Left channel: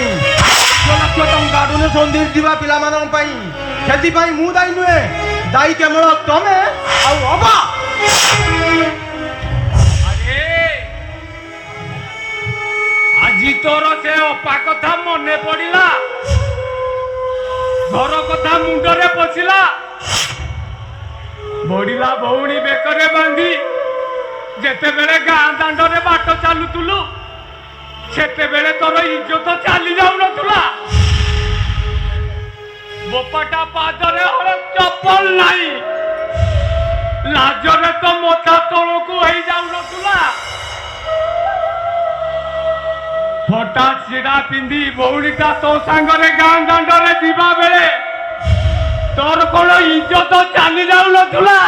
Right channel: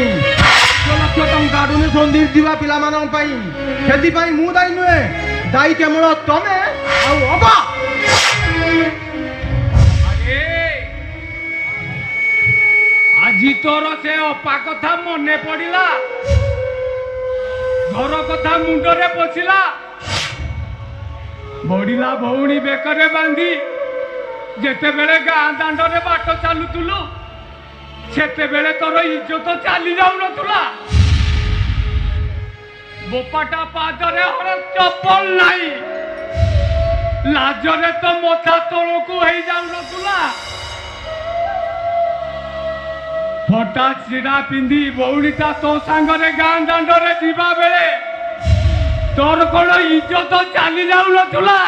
ଲକ୍ଷ ଟଙ୍କା ଡୋନେସନ୍ ଦେଇଥିବା ପିଲାମାନଙ୍କ ପାଇଁ ସେଥିପାଇଁ ମୁଁ ଦାୟୀ ନୁହେଁ, ଦାୟୀ କେବଳ ତମେ ଆଉ ଅବା। ଆଜି ତୋର ସେ ଅପା କଥା ମନେ ପଡିଲା, ଘର କଥା ମୁଣ୍ଡରେ ପଶିଲା, ବଢିଲା ଭଉଣୀ ବେକରେ ବାନ୍ଧି ଯେତେବେଳେ ଗାଁ ଦାଣ୍ଡରେ ବାଟ ଚାଲୁଥିଲୁ ସେତେବେଳେ ତୋର ଇଜ୍ଜତ ଚାଲି ଯାଉନଥିଲା। ବୋପାଟା ପାଦରେ ହଳେ ଚପଲ ନାହିଁ, ଲାଜରେ ତ ମଥା ତଳକୁ ହେଇଯାଉନଥିଲା। ଫଟା ସିରା ପିନ୍ଧି ଭଉଣୀଟା ତୋ ସାଙ୍ଗରେ ଗାଁ ଦାଣ୍ଡରେ ଯିବା ବେଳେ ତୋର କଣ ଇଜ୍ଜତ ଚାଲି ଯାଉନଥିଲା?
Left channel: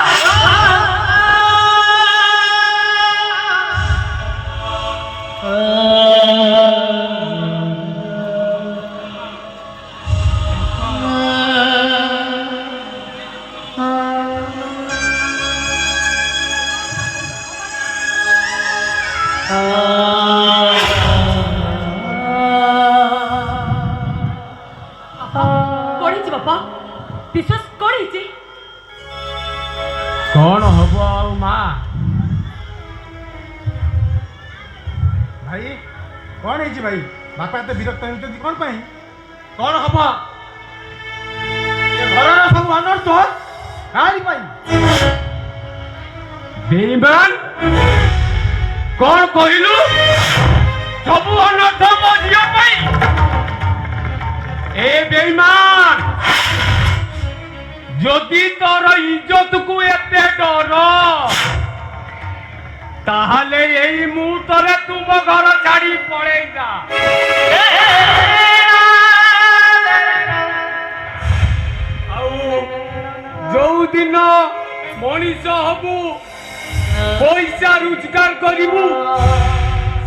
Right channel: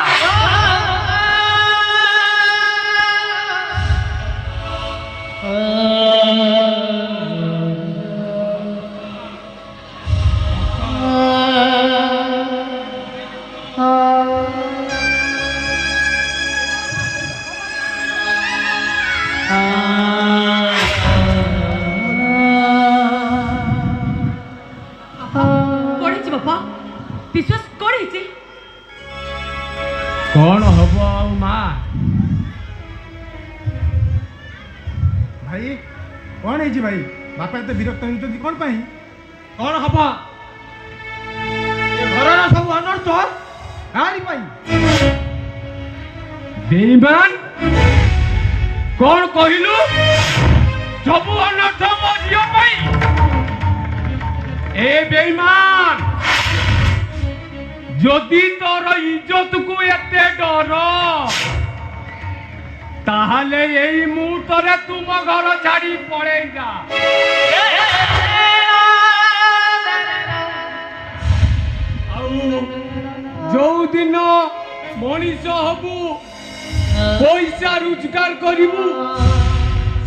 कौन हब आउ माँ भाई कौन है भाई बापा तो विरक्त होती कौन पाई कौन हम घर सब अनर्थ हारी पाई बेईमान कौन कहलु सब अनर्थ मो झियो पाई। ए बेईमान जदि तोर इज्जत को एते डर ताहले एई मुहूर्तरे तुम घर छाड़ी पळेई जा। जो दिन मनीष हबु पैसा रोजगार करिबु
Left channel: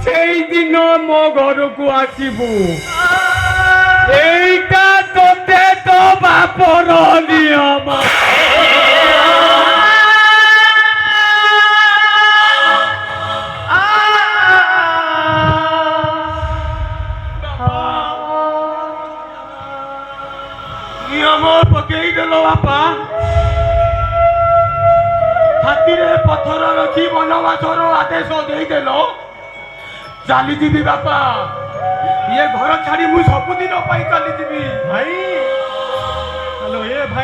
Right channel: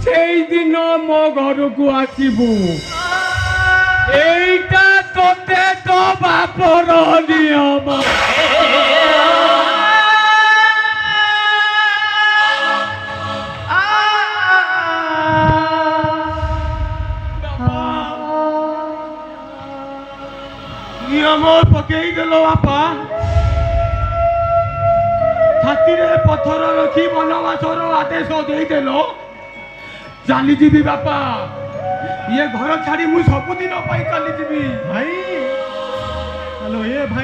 सेई दिन मो घर को आसीबु। एइटा तोते तो बापर नियम। नियम पकई देलो बापा छातीरे पत्थर रखी बनवासर आदेश देदेलो चली जीवी बापा ये घर छाड़ी मु सबुदिन चली जीवी भाई। हेलो ये भाई।